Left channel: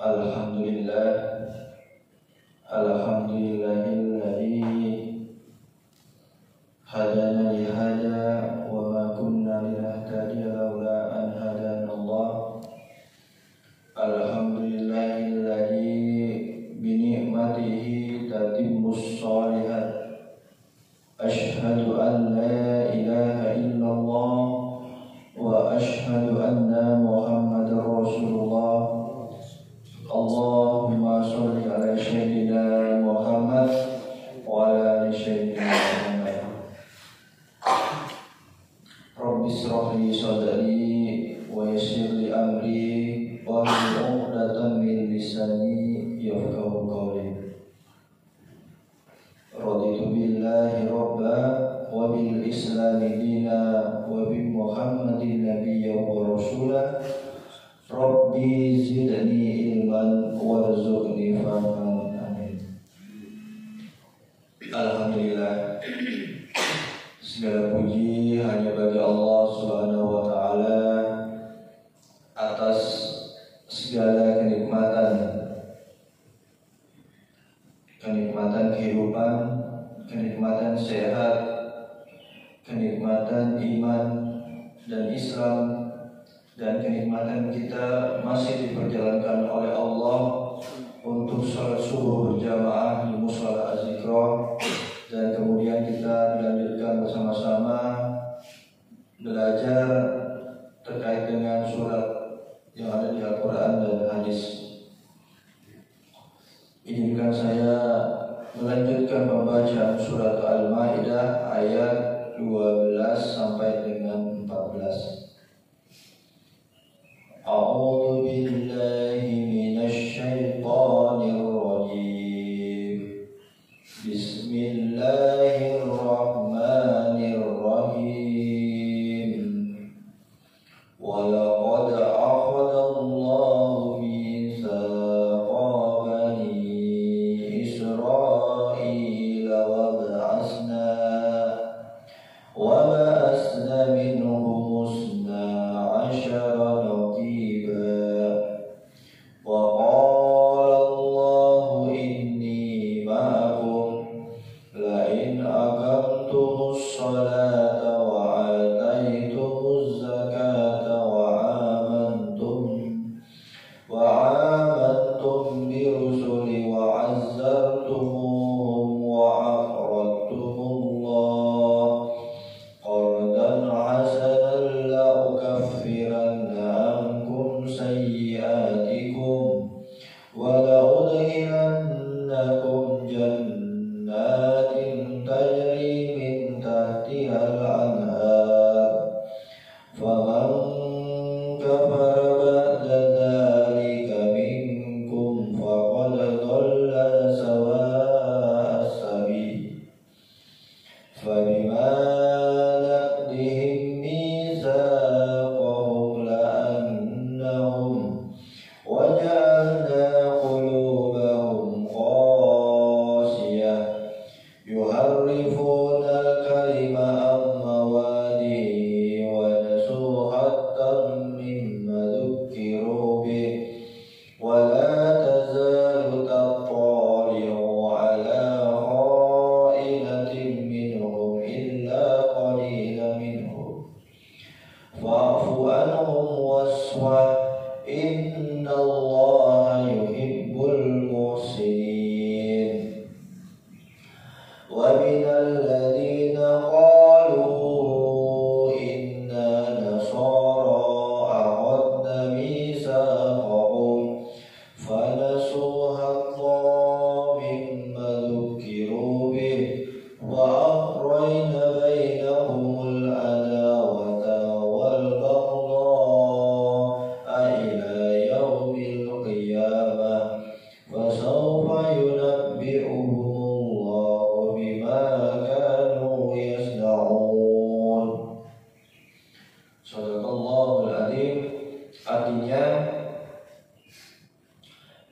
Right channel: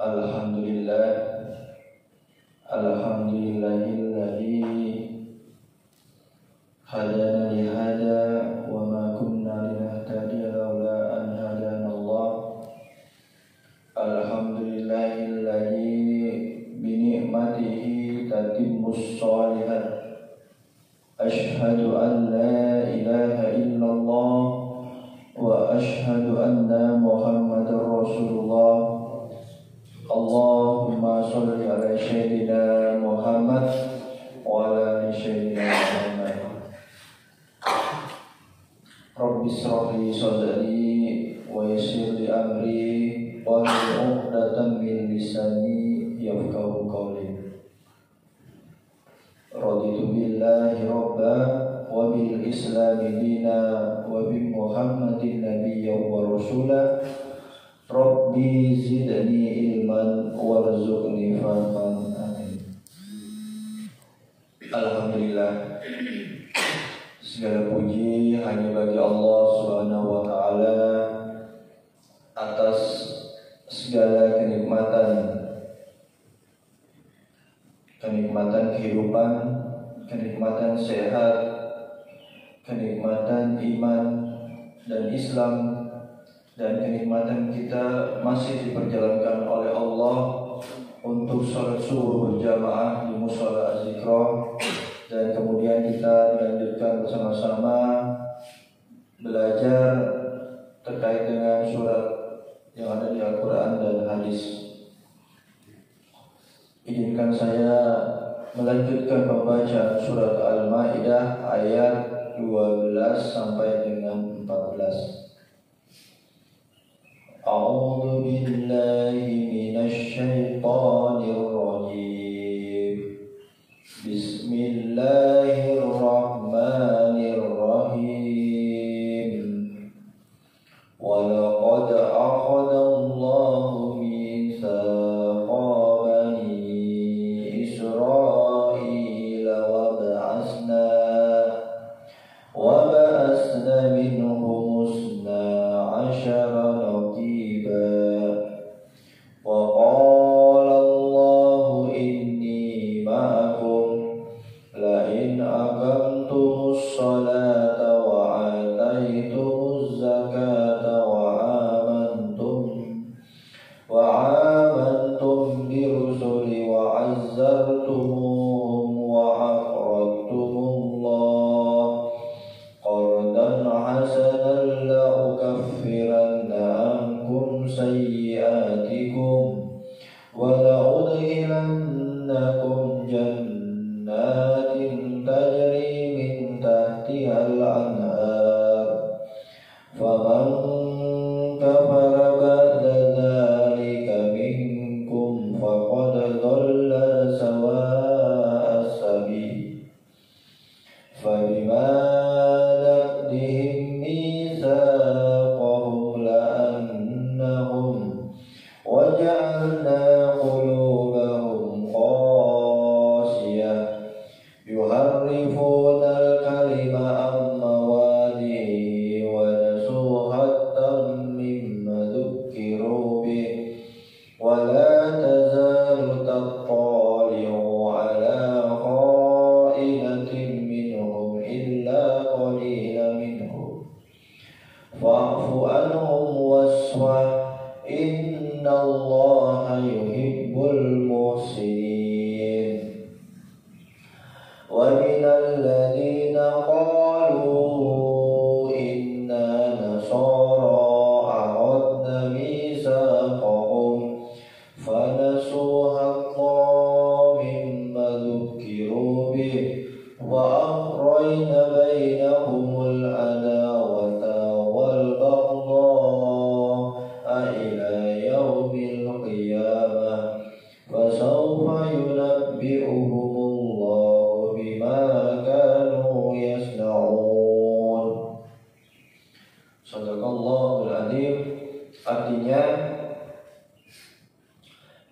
Alhamdulillah, alhamdulillahilladzi hadana li hada wa ma kunna linahtadiya laula an hadanallah. Alhamdulillahilladzi bi ni'matihi tatimmus shalihat. Asyhadu an la ilaha illallah wa asyhadu anna Muhammadar Rasulullah. Allahumma sholli ala sayyidina Muhammad wa ala ali sayyidina Muhammad. Rabbi shrah li sadri wa yassir li amri wahlul 'uqdatam min lisani yafqahu qawli. Raditu billahi rabba wa bil islami dina wa bi Muhammadin nabiyya wa rasula. Rabbi zidni ilman warzuqni fahman. Amin. Alhamdulillah, segala puji hanya bagi Allah Subhanahu wa taala atas segala kenikmatan kehidupan, kenikmatan sehat, kenikmatan iman dan Islam, dan kenikmatan kita masih diperjalankan oleh Allah untuk sholat subuh berjamaah di mushola Az-Zikra, dan kemudian kita dilanjutkan bersama-sama belajar terkait dengan surat yang ada di Al-Quran dan hadis. Izinkan saya melanjutkan pembacaan surat Al-Maidah ayat 12 sampai dengan 14. A'udzu billahi minasy syaithanir rajim. Bismillahirrahmanirrahim. Wa laqad akhadha Allahu mitsaqa bani Israila wa ba'atsna minhum isna asyara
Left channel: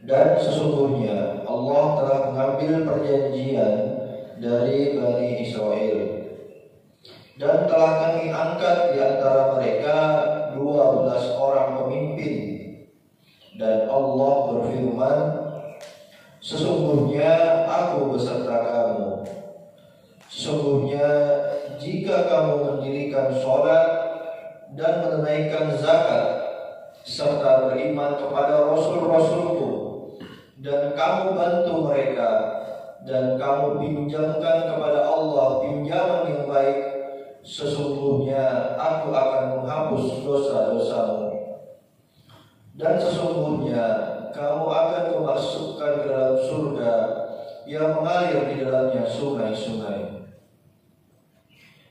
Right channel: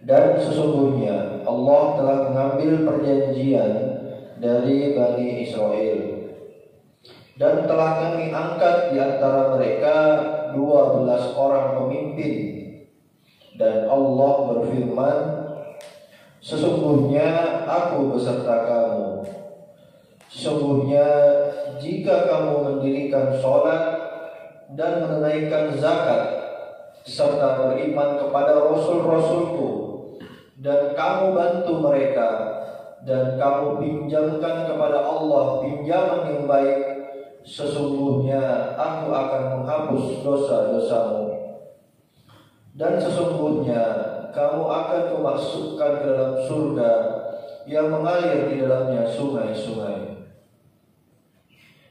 Dan sesungguhnya Allah telah mengambil perjanjian dari Bani Israel, dan telah kami angkat di antara mereka 12 orang pemimpin. Dan Allah berfirman, sesungguhnya aku beserta kamu. Sesungguhnya jika kamu mendirikan sholat dan menunaikan zakat serta beriman kepada Rasul-Rasulku, dan kamu bantu mereka, dan kamu pinjamkan kepada Allah pinjaman yang baik, sesungguhnya aku akan menghapus dosa-dosamu. Dan sesungguhnya kamu akan kumasukkan ke dalam surga yang mengalir di dalamnya sungai-sungai.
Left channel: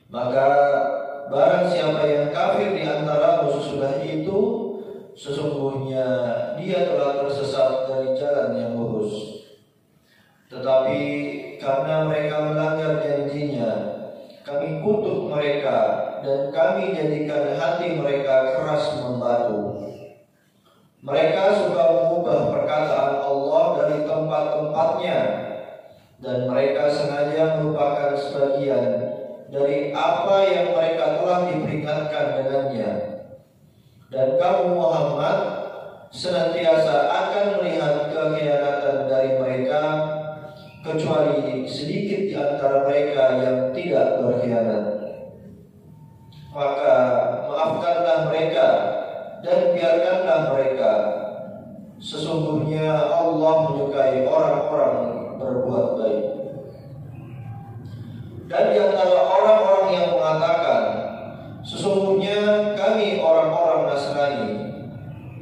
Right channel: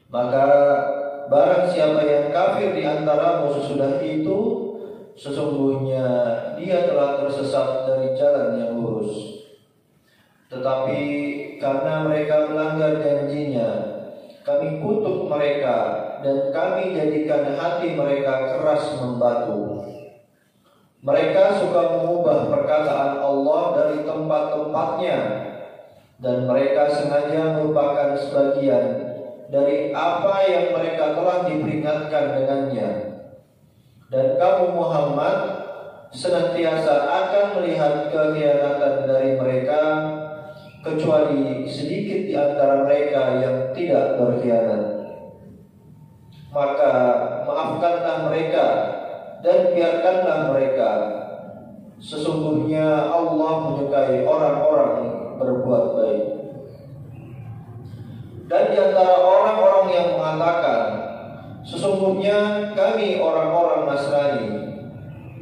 Maka barang siapa yang kafir di antaramu sesudah itu, sesungguhnya dia telah tersesat dari jalan yang lurus. Tetapi karena mereka melanggar janjinya, kami kutuk mereka dan kami jadikan hati mereka keras membatu. Mereka suka mengubah perkataan Allah dari tempat-tempatnya, dan mereka sengaja melupakan sebagian dari apa yang mereka telah diperingatkan dengannya. Dan kamu Muhammad senantiasa akan melihat kekhianatan dari mereka, kecuali sedikit di antara mereka yang tidak berkhianat. Maka maafkanlah mereka dan biarkanlah mereka. Sesungguhnya Allah menyukai orang-orang berbuat baik. Dan di antara orang-orang yang mengatakan, sesungguhnya kami orang-orang Nasrani,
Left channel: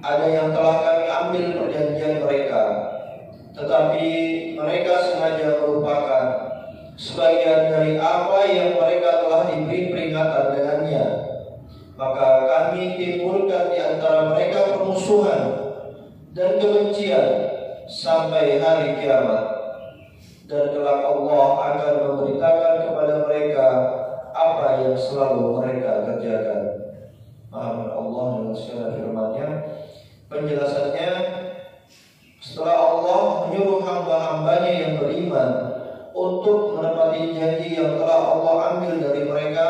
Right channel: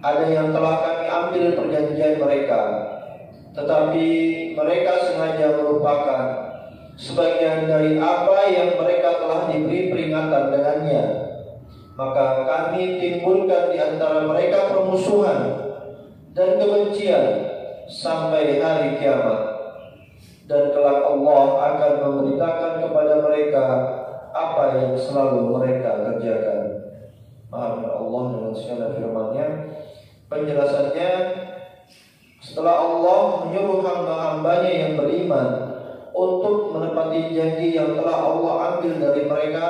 ada yang telah kami ambil perjanjian mereka, tetapi mereka sengaja melupakan sebagian dari apa yang mereka telah diberi peringatan dengannya. Maka kami timbulkan di antara mereka permusuhan dan kebencian sampai hari kiamat. Dan kelak Allah akan memberitakan kepada mereka apa yang selalu mereka kerjakan. Amin. Allah dengan segala firman-Nya. Penjelasannya, setelah Allah menyuruh hamba-hambanya yang beriman untuk menepati janji yang telah Allah ambil dari mereka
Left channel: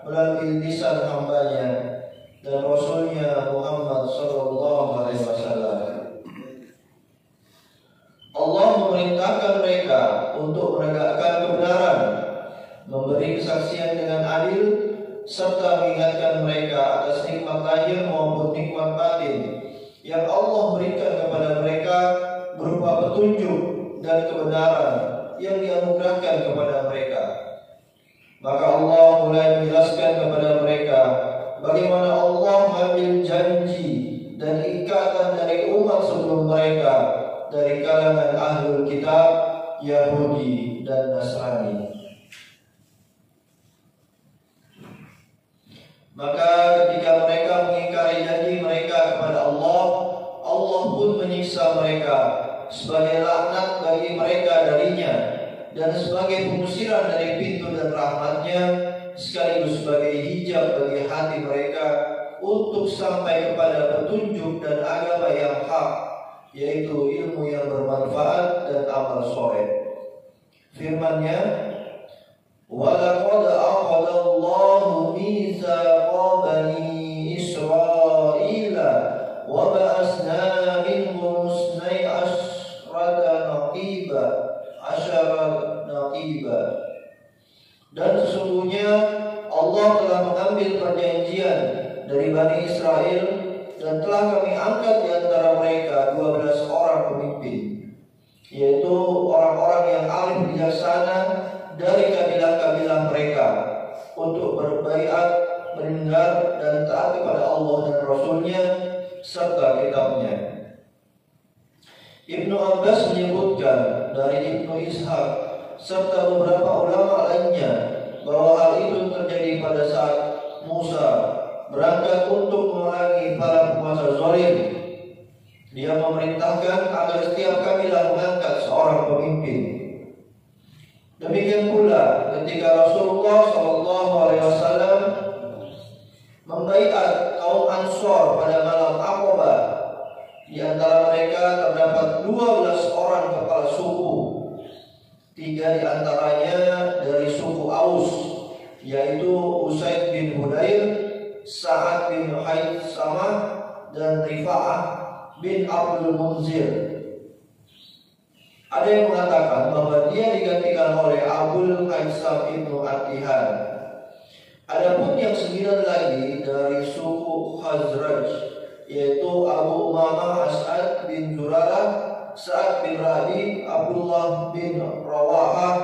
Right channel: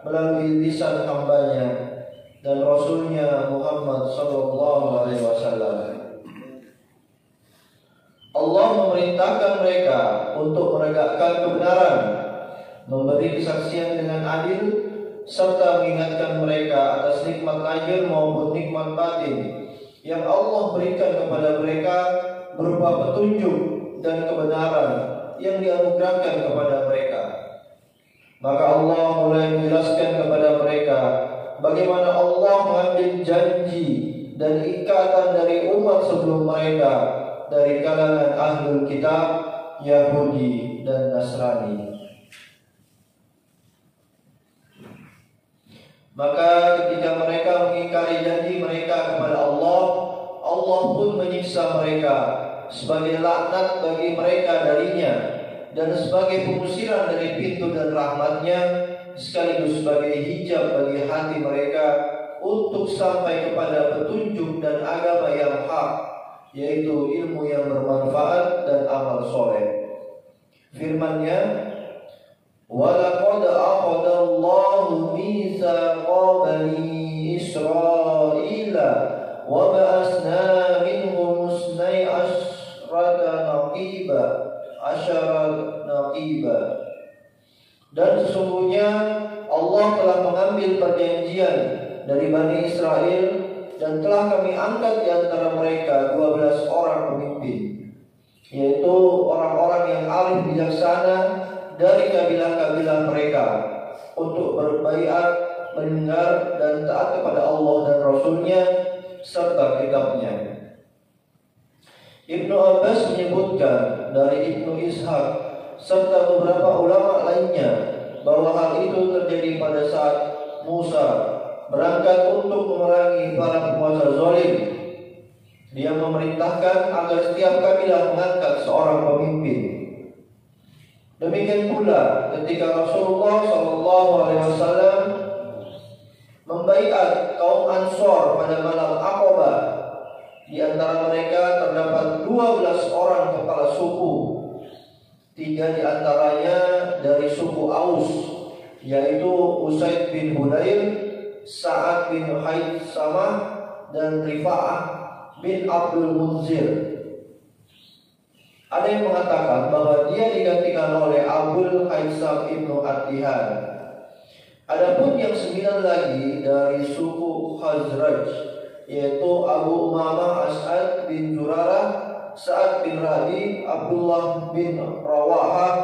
melalui lisan hambanya dan Rasulnya Muhammad SAW, Allah memerintahkan mereka untuk menegakkan kebenaran, memberi kesaksian dengan adil, serta mengingatkan mereka atas nikmat lahir maupun nikmat batin yang Allah berikan kepada mereka berupa petunjuk dan kebenaran yang dianugerahkan kepada mereka. Maka Allah mulai menjelaskan kepada mereka bagaimana Allah mengambil janji dan ikatan dari umat sebelum mereka dari kalangan ahlul kitab, Yahudi dan Nasrani. Maka ketika mereka mengingkari janji mereka kepada Allah, Allah pun menyiksa mereka sebagai laknat bagi mereka darinya, dan sebagai pengusiran dari pintu dan rahmatnya, sekaligus sebagai hijab bagi hati mereka untuk sampai kepada petunjuk dan agama yang hak, yaitu ilmu yang bermanfaat dan amal soleh. Firman-Nya, وَلَقَدْ أَخَذَ اللَّهُ مِيثَاقَ بَنِي إِسْرَائِيلَ وَبَعَثْنَا مِنْهُمُ اثْنَيْ عَشْرَةَ نَقِيبًا. Dan sesungguhnya Allah telah mengambil perjanjian dari Bani Israel, dan telah kami angkat di antara mereka 12 orang pemimpin, yaitu orang-orang yang alim bijaksana dari kabilah-kabilah mereka, untuk berbaiat, mendengar dan taat kepada Allah dan Rasul-Nya serta kitabnya. Ibnu Abbas menyebutkan dari Ibnu Ishaq serta beberapa ulama lainnya bahwa hal itu terjadi pada saat Musa berangkat untuk memerangi para penguasa zalim. Dia memerintahkan agar setiap kabilah mengangkat seorang pemimpin. Demikian pula ketika Rasulullah SAW membaiat kaum Ansor pada malam Aqabah, di antara mereka terdapat 12 orang kepala suku, 3 di antaranya dari suku Aus, yaitu Usaid bin Hudayr, Sa'ad bin Haitsamah, dan Rifa'ah bin Abdul Munzir. Ada yang mengatakan bahwa dia digantikan oleh Abul Haisam ibnu Atihan. Adapun yang 9 lagi dari suku Khazraj, yaitu Abu Umamah As'ad bin Zurarah, Sa'ad bin Rabi, Abdullah bin Rawahah,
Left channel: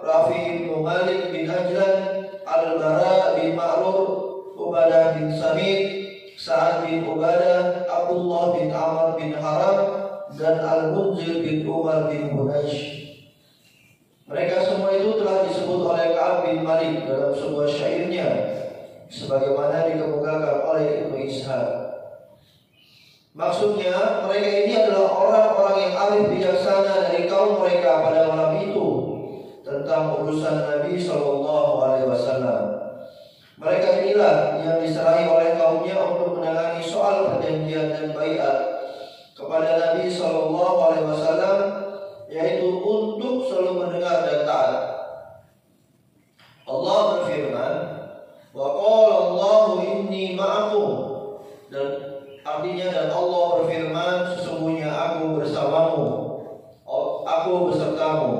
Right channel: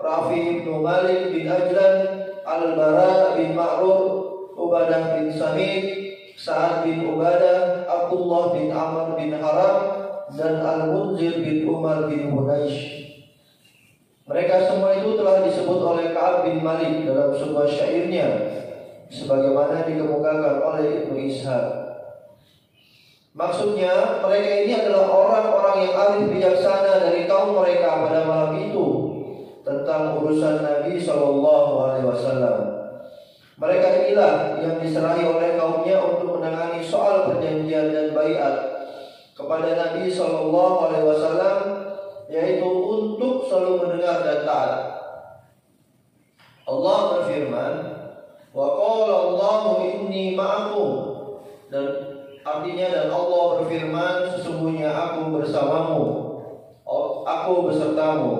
Rafi bin Malik bin Ajlan, Al-Bara bin Ma'rur, Ubadah bin Samit, Sa'ad bin Ubadah, Abdullah bin Amr bin Haram, dan Al-Munzir bin Umar bin Hunaysh. Mereka semua itu telah disebut oleh Ka'ab bin Malik dalam sebuah syairnya, sebagaimana dikemukakan oleh Ibnu Ishaq. Maksudnya, mereka ini adalah orang-orang yang arif bijaksana dari kaum mereka pada malam itu tentang urusan Nabi SAW. Mereka inilah yang diserahi oleh kaumnya untuk menangani soal perjanjian dan baiat kepada Nabi SAW, yaitu untuk selalu mendengar dan taat. Allah berfirman, wa qala Allahu inni ma'akum, dan artinya dan Allah berfirman, sesungguhnya aku bersamamu, aku besertamu,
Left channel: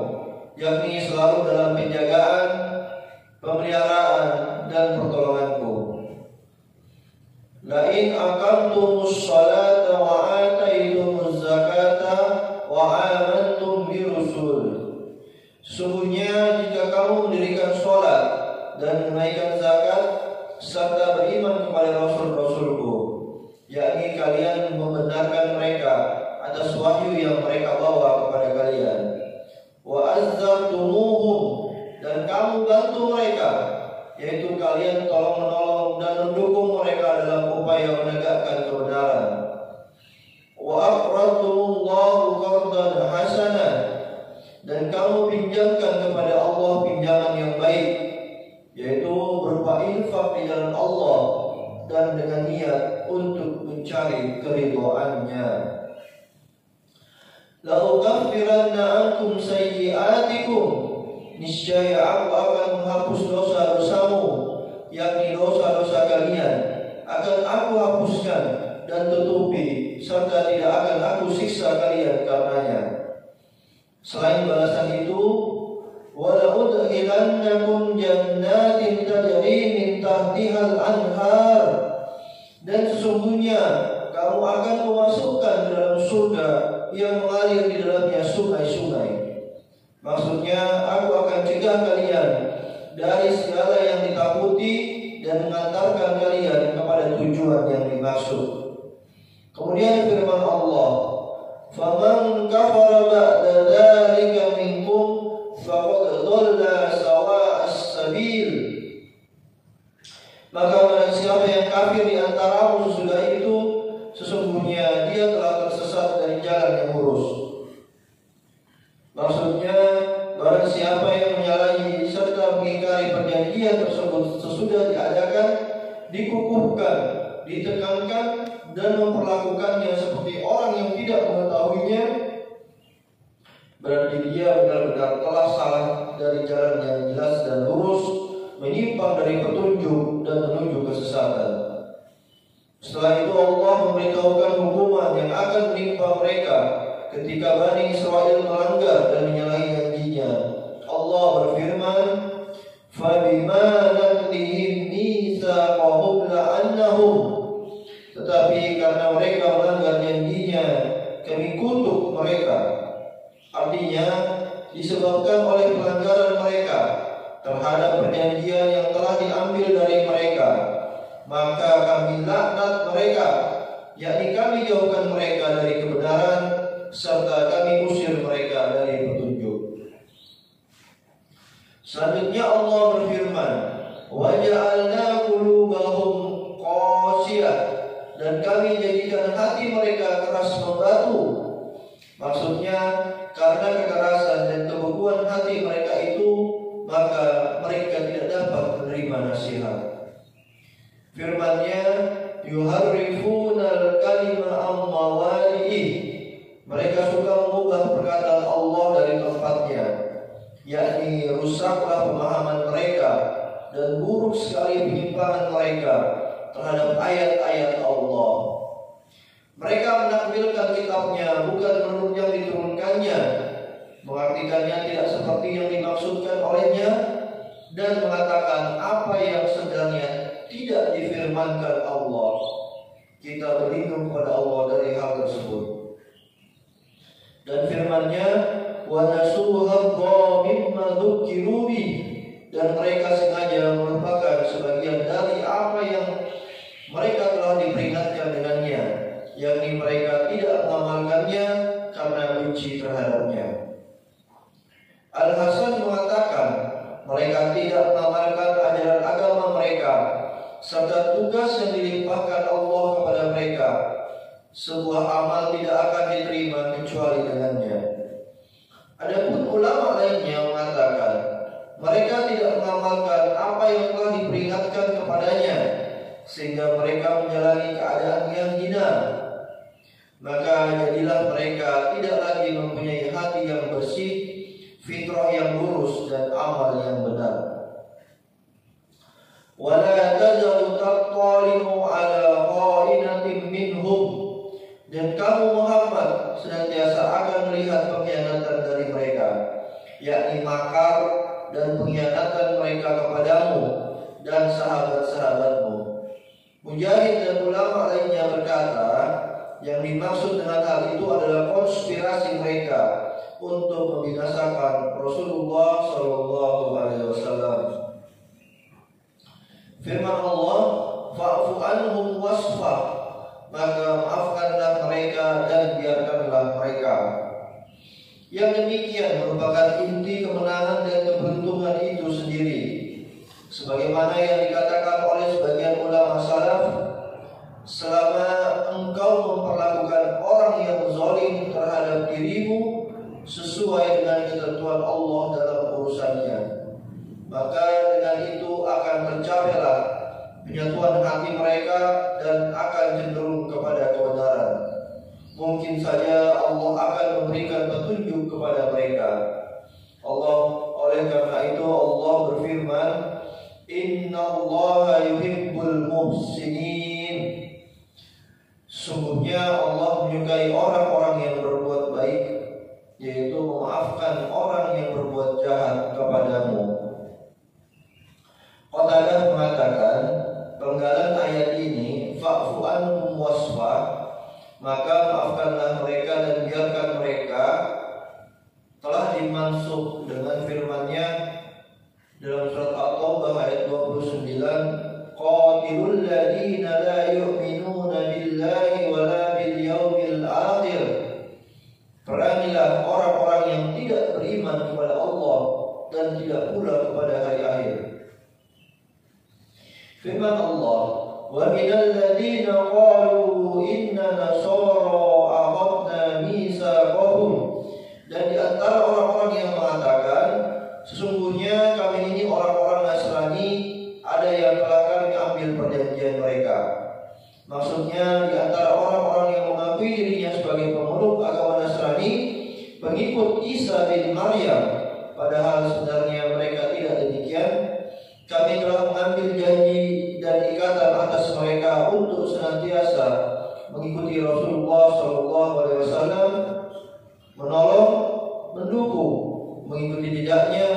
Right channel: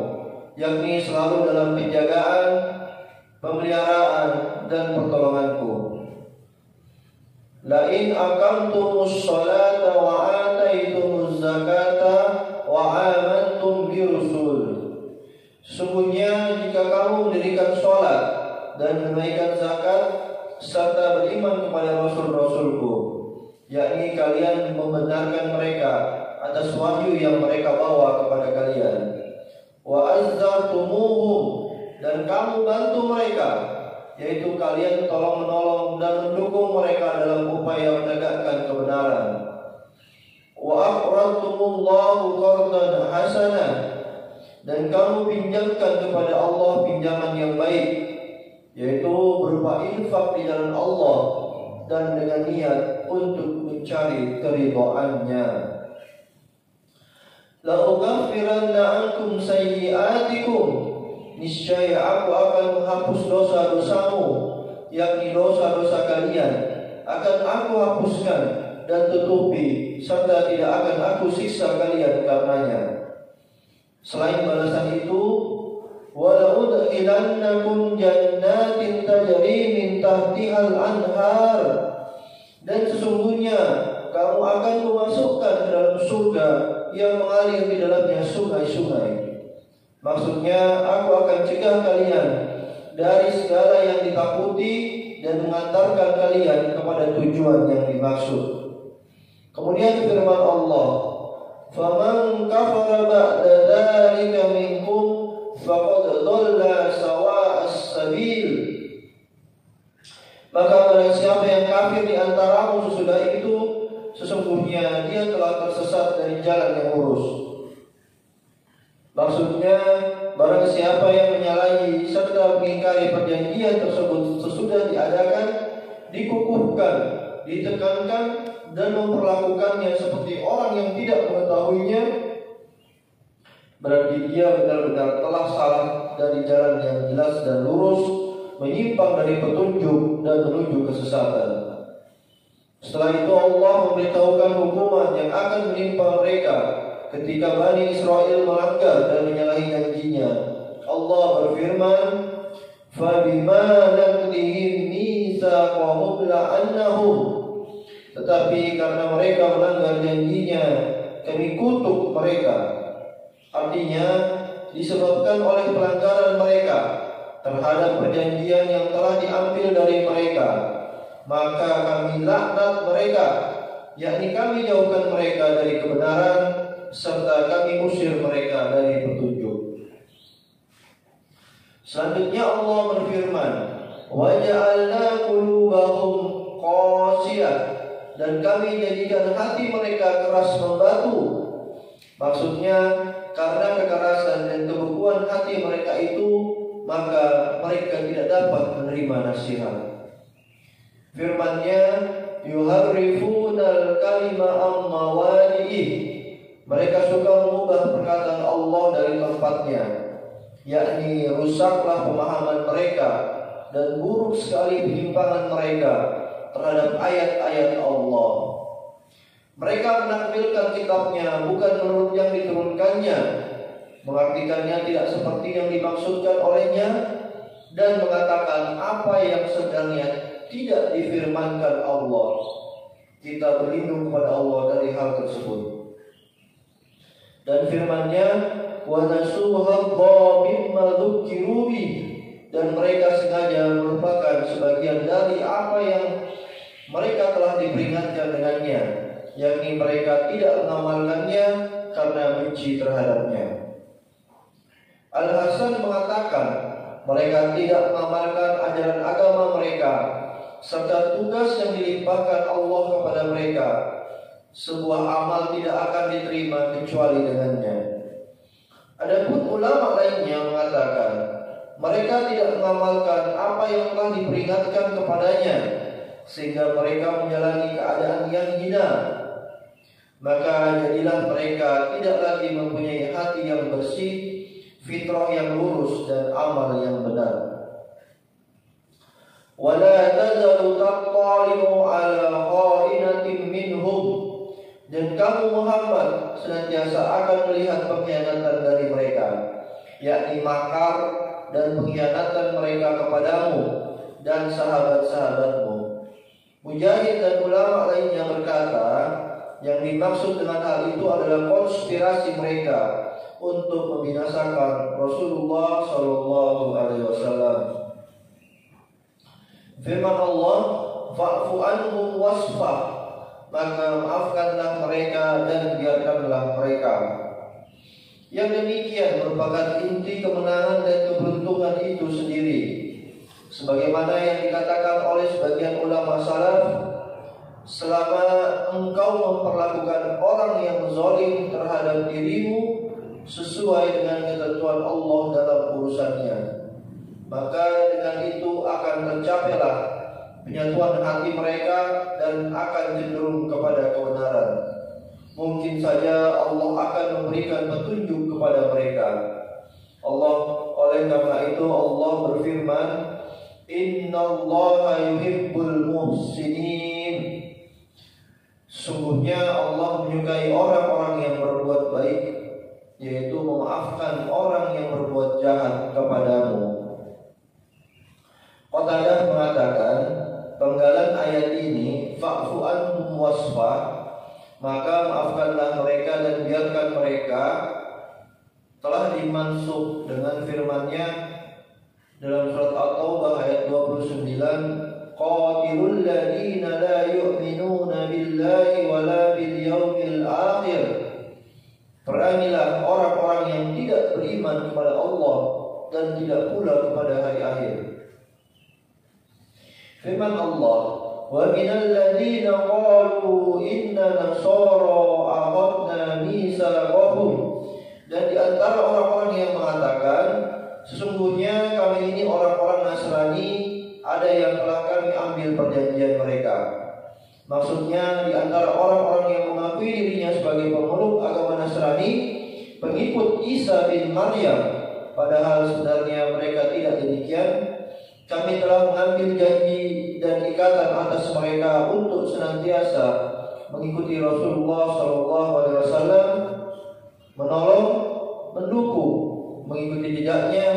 yakni selalu dalam penjagaan, pemeliharaan dan pertolonganku. La in aqamtumus sholata wa ataitumuz zakata wa amantum bi rusul. Sesungguhnya jika kamu mendirikan sholat dan menunaikan zakat serta beriman kepada rasul-rasulku, yakni kalian membenarkan mereka atas wahyu yang mereka bawa kepada kalian, wa azzartumuhum, dan kamu bantu mereka, yaitu kalian tolong-menolong dan mendukung mereka dalam upaya menegakkan kebenaran, wa aqradtumullahu qardan hasanah, dan kamu pinjamkan kepada Allah pinjaman yang baik, yaitu berupa infak di jalan Allah dan dengan niat untuk mencari keridhaannya. La ughfiranna ankum sayyi'atikum, niscaya aku akan menghapus dosa-dosamu, yakni dosa-dosa kalian akan aku hapuskan dan tutupi, serta tidak akan aku siksa kalian karenanya. Selain balasan itu, wala udkhilannakum jannatin tajri min tahtihal anhar, dan sesungguhnya kamu akan memasukkan ke dalam surga yang mengalir di dalamnya sungai-sungai. Maksudnya, aku akan cegah kalian dari segala yang ditakuti dan mengantarkan kalian kepada tujuan yang dimaksud. Kemudian firman Allah, faman kafara ba'da dzalika minkum faqad dhalla sawa'as sabil. Maka barang siapa yang kafir di antaramu sesudah itu, sesungguhnya dia telah tersesat dari jalan yang lurus. Maksudnya, barang siapa yang menyalahi serta mengingkari perjanjian tersebut sesudah diadakan, dikukuhkan, ditekankan, dan memperlakukannya seperti orang yang tidak mengetahuinya, berarti dia benar-benar telah salah dari jalan yang jelas dan lurus, menyimpang dari petunjuk dan menuju kesesatan. Setelah itu Allah memberitahukan hukuman yang akan menimpa mereka ketika Bani Israel melanggar dan menyalahi janjinya. Allah berfirman, فَبِمَا نَقْضِهِمْ مِيثَاقَهُمْ لَعَنَّهُمْ, tetapi karena mereka melanggar janjinya, kami kutuk mereka. Artinya, disebabkan oleh pelanggaran mereka terhadap perjanjian yang telah diambil dari mereka, maka kami laknat mereka, yakni kami jauhkan mereka dari kebenaran, serta kami usir mereka dari petunjuk. Selanjutnya Allah berfirman, وَجَعَلْنَا قُلُوبَهُمْ قَاسِيَةً, dan kami jadikan hati mereka keras membatu. Maksudnya, karena kekerasan dan kebekuan hati mereka itu, maka mereka tidak dapat menerima nasihat. Firman-Nya, yuharrifunal kalima am mawadi'ih, mereka suka mengubah perkataan Allah dari tempatnya, yakni rusaklah pemahaman mereka dan buruk sekali penyimpangan mereka terhadap ayat-ayat Allah. Mereka menampilkan kitabnya bukan menurut yang diturunkannya, mengartikannya tidak seperti yang dimaksudkan olehnya, dan mengatakan apa yang sebenarnya tidak difirmankan Allah. Kita berlindung kepada Allah dari hal tersebut. Dan firman-Nya, wa nasuha mimma dzukiru bi, dan mereka sengaja melupakan sebagian dari apa yang mereka telah diperingatkan dengannya, yakni mereka tidak mengamalkannya karena benci terhadapnya. Al-Hasan mengatakan mereka tidak mengamalkan ajaran agama mereka serta tugas yang dilimpahkan Allah kepada mereka. Sebuah amal tidak akan diterima kecuali dengannya. Adapun ulama lainnya mengatakan mereka tidak mengamalkan apa yang telah diperingatkan kepadanya, sehingga mereka menjalani keadaan yang hina. Maka jadilah mereka tidak lagi mempunyai hati yang bersih, fitrah yang lurus, dan amal yang benar. Wala tazalu tattali'u ala kha'inatin minhum, dan kamu Muhammad senantiasa akan melihat pengkhianatan dari mereka, yakni makar dan pengkhianatan mereka kepadamu dan sahabat-sahabatmu. Mujahid dan ulama lainnya berkata, yang dimaksud dengan hal itu adalah konspirasi mereka untuk membinasakan Rasulullah SAW. Firman Allah, fa'fu anhum wasfah, maka maafkanlah mereka dan biarkanlah mereka. Yang demikian merupakan inti kemenangan dan keberuntungan itu sendiri. Sebagaimana yang dikatakan oleh sebagian ulama salaf, selama engkau memperlakukan orang yang zalim terhadap dirimu sesuai dengan ketentuan Allah dalam urusannya, maka dengan itu akan tercapailah penyatuan hati mereka dan akan cenderung kepada kebenaran. Mungkin saja Allah akan memberikan petunjuk kepada mereka. Oleh karena itu Allah berfirman, Innallaha yuhibbul muhsinin. Sungguhnya Allah menyukai orang-orang yang berbuat baik, yaitu memaafkan orang yang berbuat jahat kepadamu. Qatadah mengatakan penggalan ayat ini, fa'fu anhum wasfa, maka maafkanlah mereka dan biarkan mereka, telah dimansukh dengan firman-Nya dalam surat At-Taubah ayat 29, qatilul ladina la yu'minuna billahi wa la bil yaumil akhir. Perangilah orang-orang yang tidak beriman kepada Allah dan tidak pula kepada hari akhir. Firman Allah, wa minal ladina qalu inna nasara akhadna mitsaqahum, dan di antara orang-orang yang mengatakan sesungguhnya kami ini orang-orang Nasrani, ada yang telah kami ambil perjanjian mereka. Maksudnya di antara orang-orang yang mengakui dirinya sebagai pemeluk agama Nasrani, pengikut Isa bin Maryam, padahal sebenarnya mereka tidak demikian, kami telah mengambil janji dan ikatan atas mereka untuk senantiasa mengikuti Rasulullah SAW, menolong, mendukung, mengikuti jejaknya,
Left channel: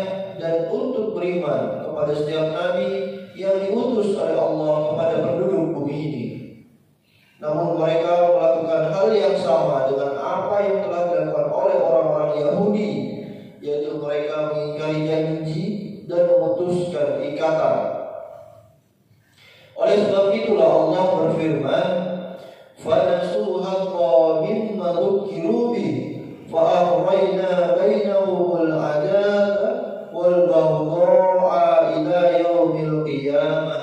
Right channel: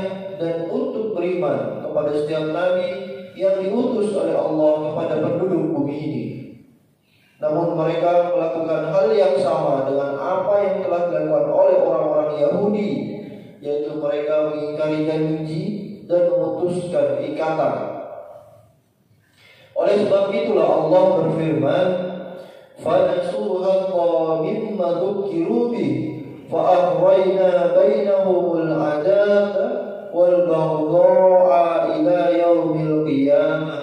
dan untuk beriman kepada setiap nabi yang diutus oleh Allah kepada penduduk bumi ini. Namun mereka melakukan hal yang sama dengan apa yang telah dilakukan oleh orang-orang Yahudi, yaitu mereka mengingkari janji dan memutuskan ikatan. Oleh sebab itulah Allah berfirman, فَنَسُوهَا مِمَّا ذُكِّرُوا بِهِ فَأَغْرَيْنَا بَيْنَهُمُ الْعَدَاوَةَ وَالْبَغْضَاءَ إِلَى يَوْمِ الْقِيَامَةِ.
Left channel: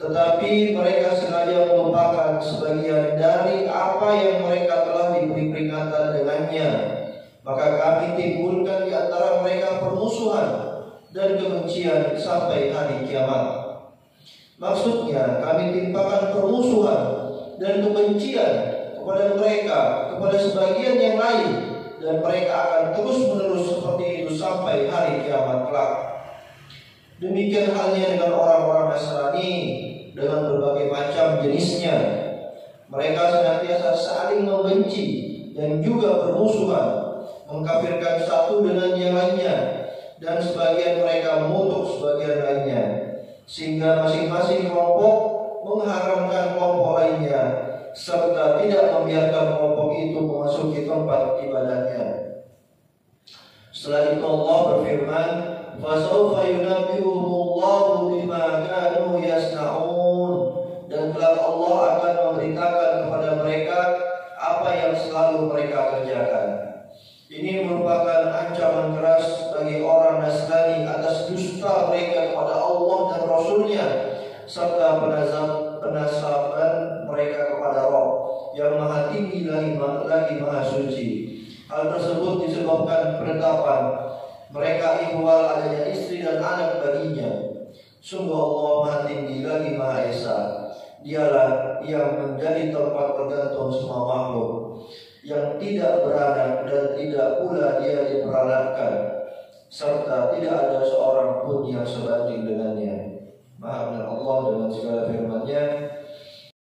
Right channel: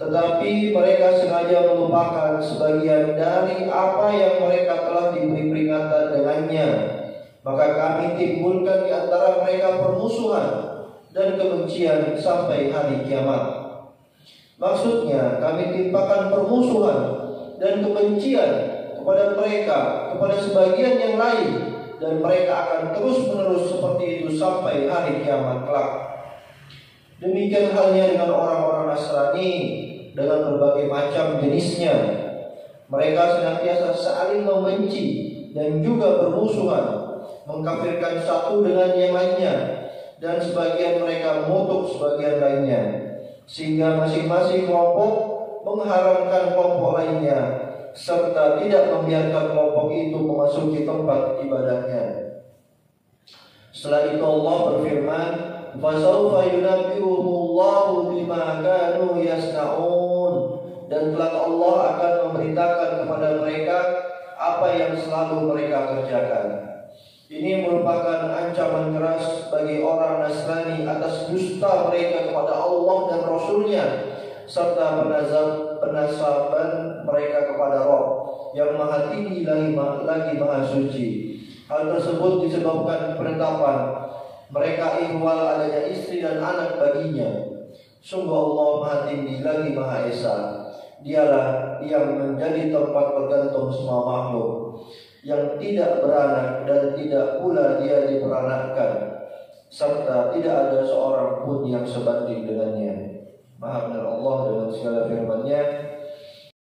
Tetapi mereka sengaja melupakan sebagian dari apa yang mereka telah diberi peringatan dengannya, maka kami timbulkan di antara mereka permusuhan dan kebencian sampai hari kiamat. Maksudnya kami timpakan permusuhan dan kebencian kepada mereka, kepada sebagian yang lain, dan mereka akan terus-menerus seperti itu sampai hari kiamat kelak. Demikian halnya dengan orang-orang Nasrani dengan berbagai macam jenisnya. Mereka senantiasa saling membenci dan juga bermusuhan, mengkafirkan satu dengan yang lainnya, dan sebagian mereka mengutuk sebagian lainnya, sehingga masing-masing kelompok mengharamkan kelompok lainnya, serta tidak membiarkan kelompok itu memasuki tempat ibadahnya. Setelah itu Allah berfirman, "Fasawfa yunabbi'uhumullahu bima kanu yasna'un." Dan kelak Allah akan memberitakan kepada mereka apa yang selalu mereka kerjakan. Ini merupakan ancaman keras bagi orang Nasrani atas dusta mereka kepada Allah dan Rasul-Nya, serta penasaban mereka kepada Rabb yang Maha Tinggi lagi Maha Suci. Hal tersebut disebabkan penetapan mereka ihwal adanya istri dan anak baginya. Sungguh Allah Maha Tinggi lagi Maha Esa. Dialah yang menjadi tempat bergantung semua makhluk, yang tidak beranak dan tidak pula dia diperanakkan, serta tidak ada seorang pun yang sebanding dengannya. Maha benar Allah dengan segala